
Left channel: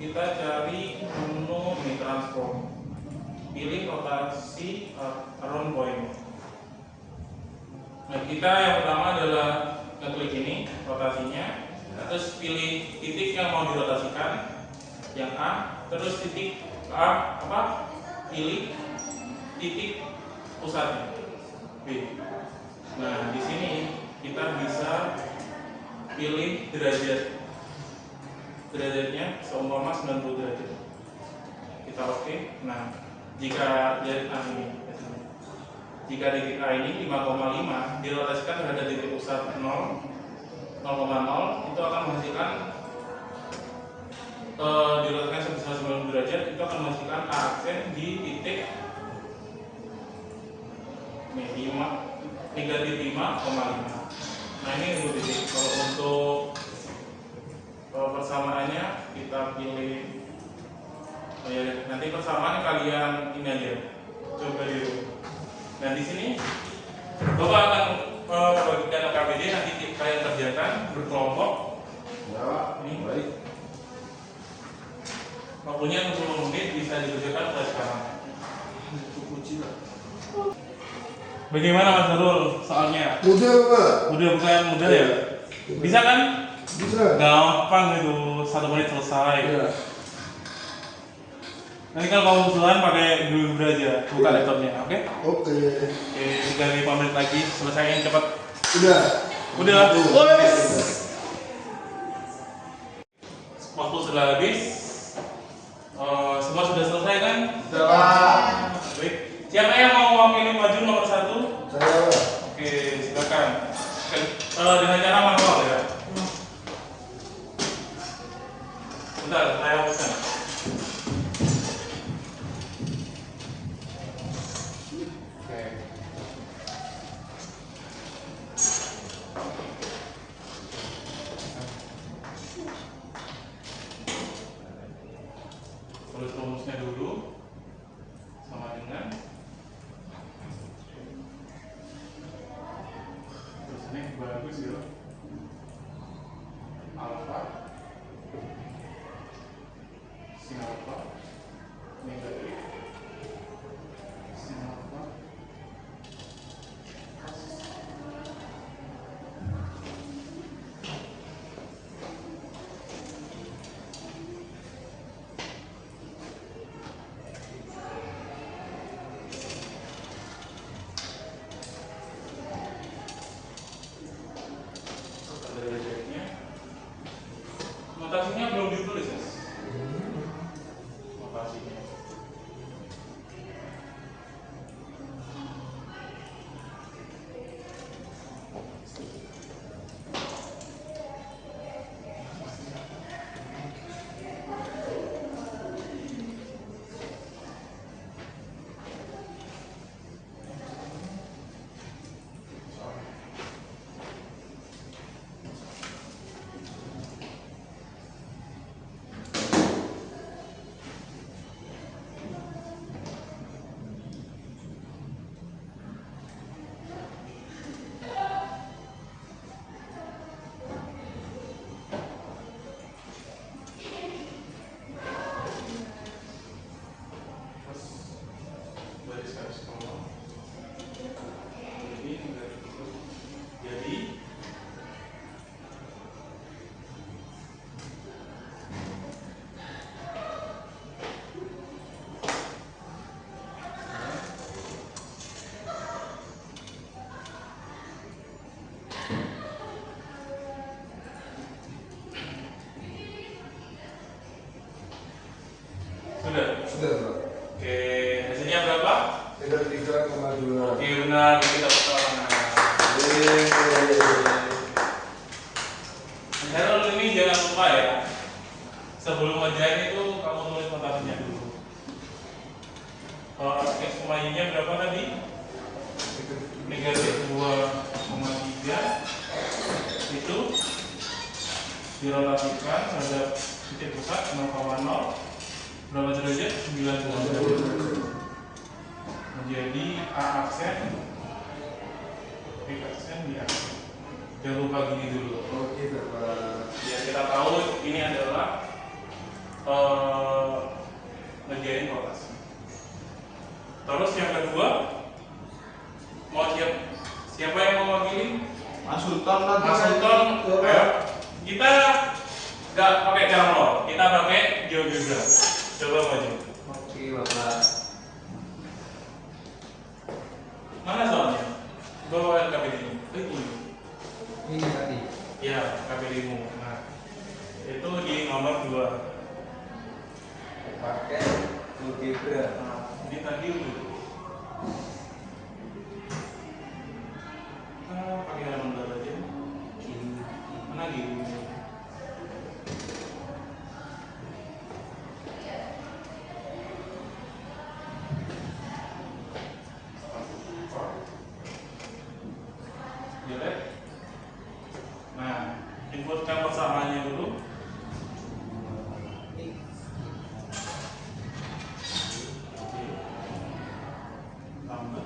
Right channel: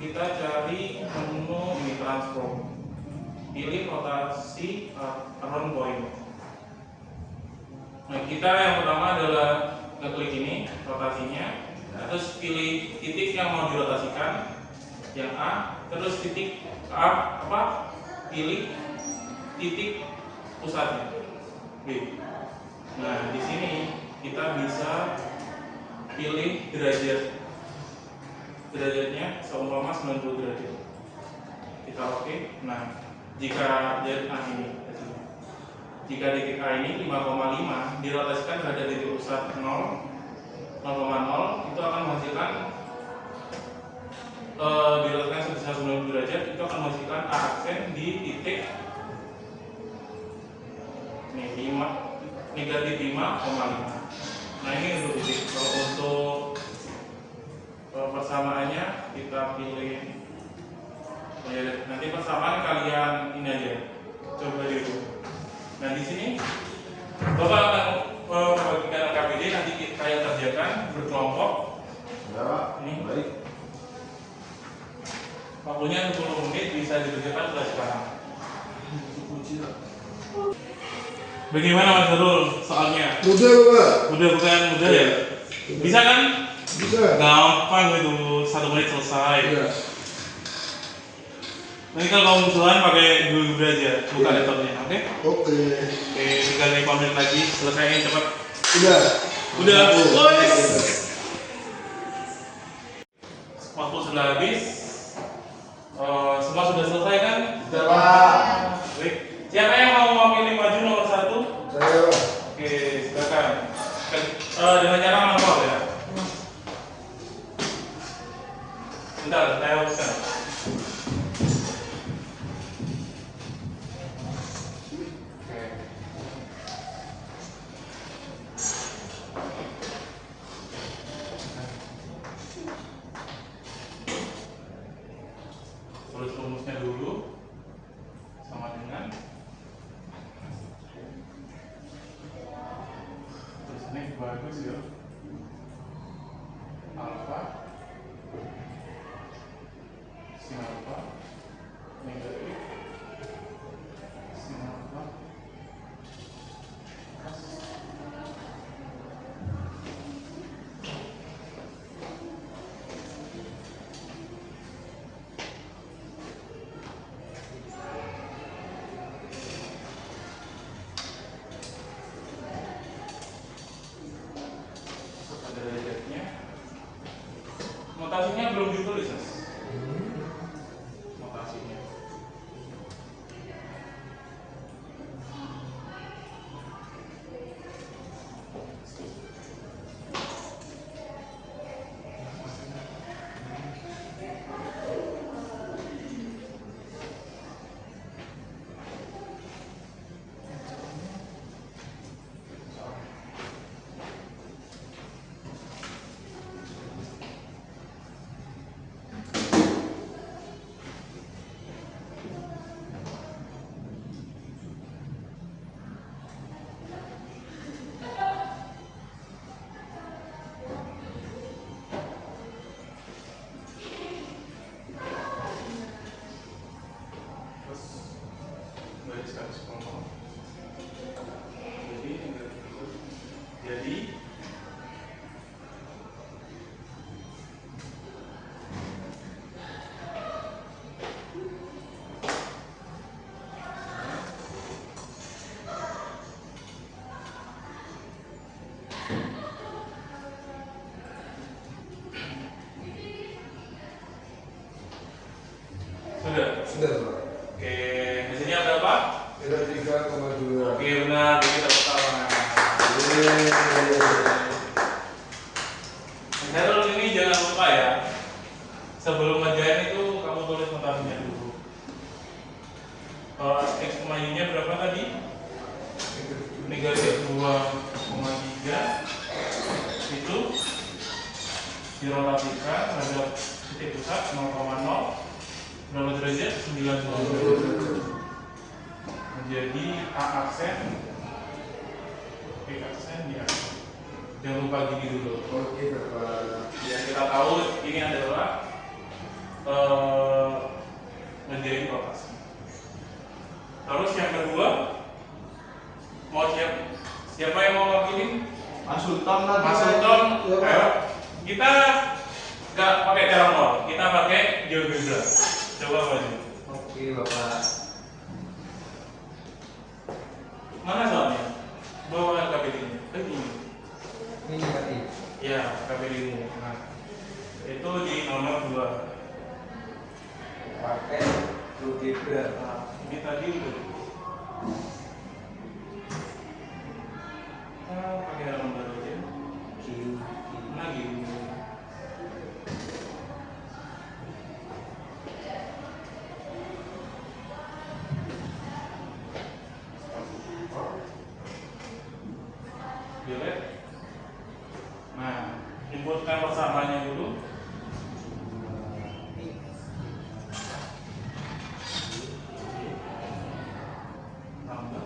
kita cari menu ini transform, pilih rotasi around point. Nah, kita yang pertama adalah ngeklik ini rotasinya, terus pilih titik yang mau dirotasikan, yang A, terus titik A pilih titik pusatnya B. Nah, di sini kita bisa pilih derajatnya seumpama 90 derajat. Kita oke. Nah, jika ini jika titik A ini 5,5 dirotasikan terhadap titik pusat 0,0, itu akan menghasilkan dirotasikan sebesar 90 derajat, itu akan menghasilkan A aksen di titik negatif 5,5. Nah, ini untuk titik. Kalau untuk persamaannya kita pilih, nanti persamaan kalian ini aja, coba dulu. Nah, di sini Bapak akan membagikan KPD, nanti kalian kerjakan berkelompok. Ya, Ini baik. waktunya 60 menit, bisa dikerjakan mulai sekarang. Bagaimana Mas Darul soalnya? Mudah, Bapak. Bukan mudah ya? Bisa kan? Bisa. Gampang itu, 1 menit selesai. Iya. Nanti kalau kamu usulan pakai Google Drive aja, buka laptopnya, oke? Oke. Oke, tinggal 5 menit lagi, selesaiin cepat. Udah. Wes. Waktu sudah habis. Semua sudah selesai kan? Sudah, Pak. Baik. Siapa yang mau mewakili maju nomor 1? Saya, Pak. Oke, silakan. Dengan cara manual ya. Bentar, saya hapuskan. Tulis rumusnya dulu sama dengan tulisannya bagus ya, alfa sin alfa negatif sin alfa derajatnya. Notasinya belum ditulis, Mas. Notasinya. Garis koma. Jadi Sudah, Pak. oke, hasilnya berapa? Kita 3,2. Oke, benar, jadi dapat tangan. Herul, ini jangan lupa ya, sebelum ngerjain itu kamu tulis notasinya dulu. X, Y nya berapa tadi? negatif 2,3 itu dirotasikan terhadap titik pusat 0,0 berapa derajat? 90 menjadi A aksen B aksen di aksen. Jangan lupa gini dulu. Oke, Bapak. Biar kita tahu ini adalah menjadi rotasi. Terus yang kedua, mau siapa yang mau wakilin? Mas Sultan lagi. Mas Sultan, ayo. Kita nggak pakai cara nol, kita pakai GeoGebra. Coba maju. Oke, Bapak. Mana soalnya? Bawa KPD-nya. Ini. Ini tadi. Ya, KPD-mu. Nah, itu di nomor 2. Pakai GeoGebra. Nah, ini tadi udah. Pakai nomor aja. Mana gitu? Jelek. Nah, inputkan persamaannya dulu. Tambah.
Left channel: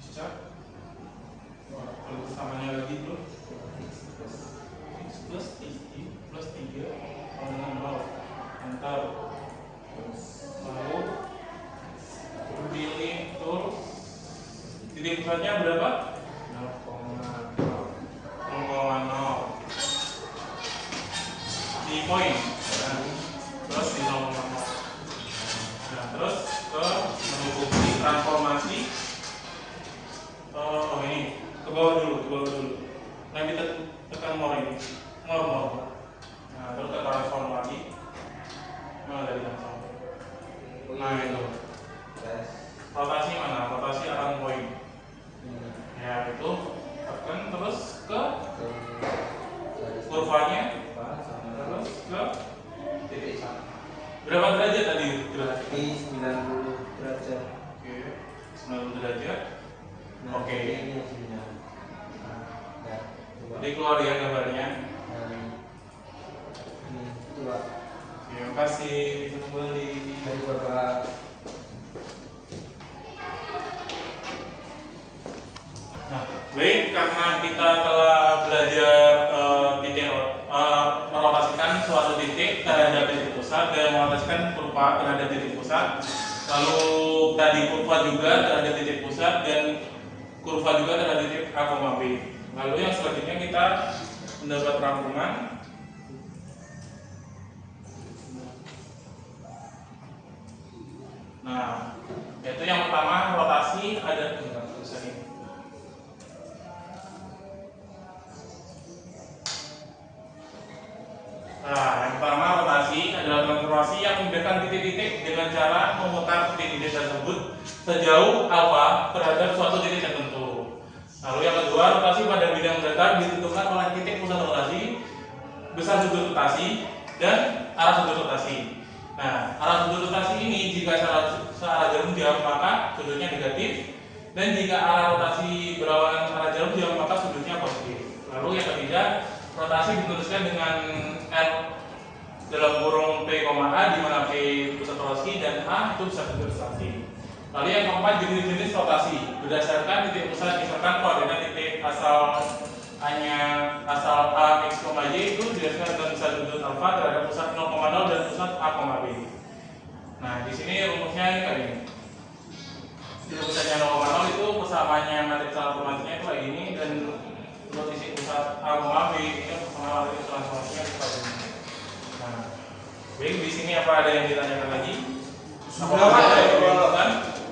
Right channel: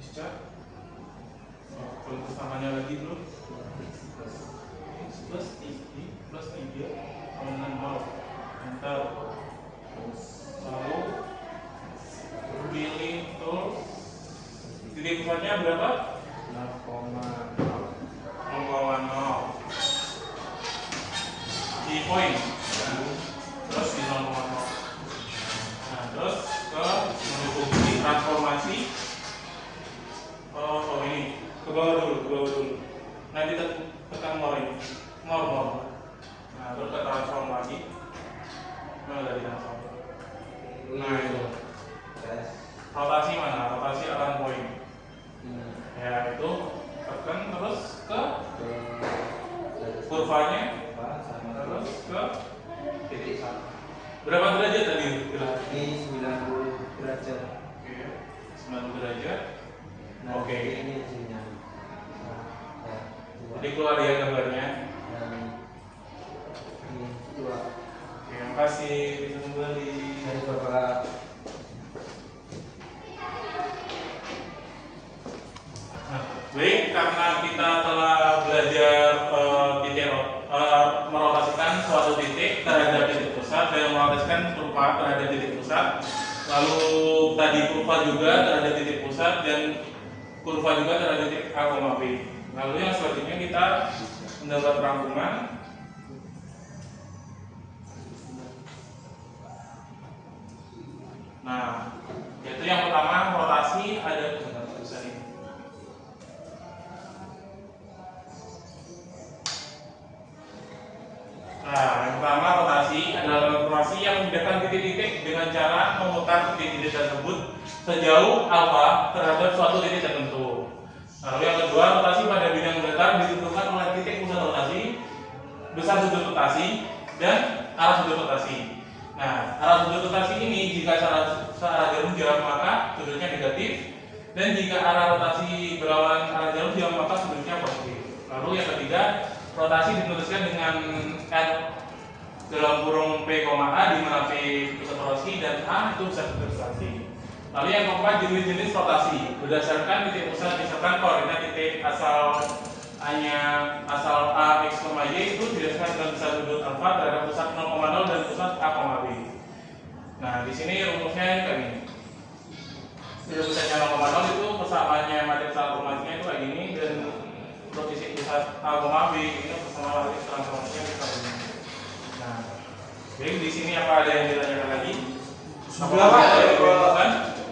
Bisa. Kalau persamanya lagi dulu. X plus 3 sama dengan 0. Enter. Lalu pilih tool. Titik pusatnya berapa? 0,0. Di point. Terus di 0,0. Nah, terus ke menu fungsi transformasi. Oh ini ke bawah dulu. Nanti tekan more ini, more. Nah terus ke transform lagi. Nah dari transform. Nah itu. Rotasi mana? Rotasi around point. Ya itu tekan terus ke kurvanya, terus ke titik satu. Berapa derajat tadi? Berarti 90 derajat. Oke, 90 derajat. Nah, Oke. ini hasilnya. Nah, ya, coba. Jadi keluar ya gambarnya. Nah, ini dua. Terima kasih. Bisa kembali. Dari Bapak. Nah, baik, karena kita telah belajar merotasikan suatu titik terhadap titik pusat dan merotasikan kurva terhadap titik pusat. Lalu tadi kurva juga terhadap titik pusat dan kurva juga terhadap titik A, B. Lalu yang selanjutnya kita mendapat rangkuman. Nah, yaitu yang pertama rotasi ada tulisan ini. Nah, yang pertama rotasi adalah transformasi yang membedakan titik-titik dengan cara memutar titik-titik tersebut sejauh alfa terhadap suatu titik tertentu. Lalu yang kedua, rotasi pada bidang datar ditentukan oleh titik pusat rotasi, besar sudut rotasi, dan arah sudut rotasi. Nah, arah sudut rotasi ini jika searah jarum jam maka sudutnya negatif, dan jika arah rotasi berlawanan arah jarum jam maka sudutnya positif. Lalu yang ketiga, rotasi dituliskan dengan R dalam kurung P, A di mana P pusat rotasi dan A itu besar sudut rotasi. Lalu yang keempat, jenis-jenis rotasi berdasarkan titik pusat, misalkan koordinat titik asal asal A, X, Y itu didasarkan dengan besar sudut alfa terhadap pusat 0,0 dan pusat A, B. Nah, di sini rumusnya kayak gini. Titik pusatnya 0,0 itu persamaannya matriks transformasinya itu kayak gini, dan untuk titik pusat A, B ini persamaan matriks transformasinya seperti ini. Nah, baik, di sini apa ada yang ditanyakan lagi? Sudah, Pak.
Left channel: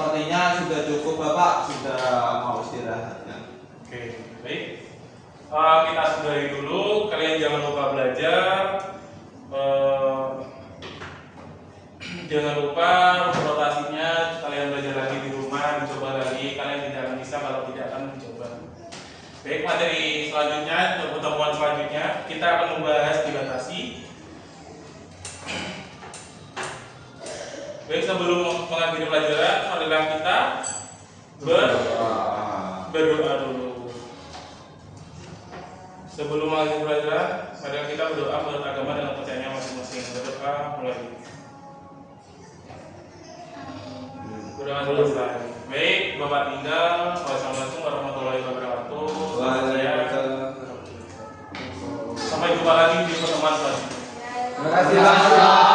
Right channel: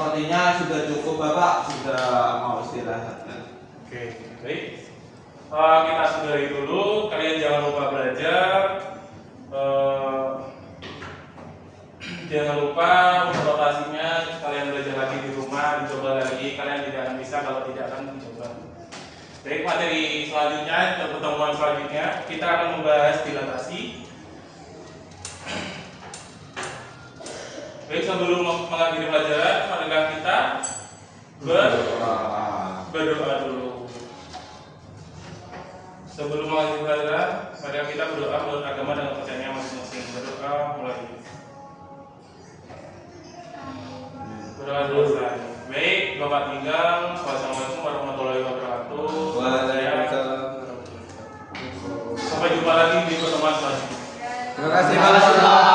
Sepertinya sudah cukup Bapak, sudah mau istirahat kan? Oke, baik. Kita sudahi dulu. Kalian jangan lupa belajar. Jangan lupa untuk rotasinya. Kalian belajar lagi di rumah, dicoba lagi. Kalian tidak akan bisa kalau tidak akan dicoba. Baik, materi selanjutnya, untuk pertemuan selanjutnya kita akan membahas dilatasi. Baik, sebelum mengakhiri pelajaran, marilah kita berdoa dulu. Sebelum mengakhiri pelajaran, marilah kita berdoa menurut agama dan kepercayaannya masing-masing. Berdoa mulai. Berdoa dulu Ustaz. Baik, Bapak tinggal. Wassalamualaikum warahmatullahi wabarakatuh. Sampai jumpa lagi di pertemuan selanjutnya. Terima kasih Pak.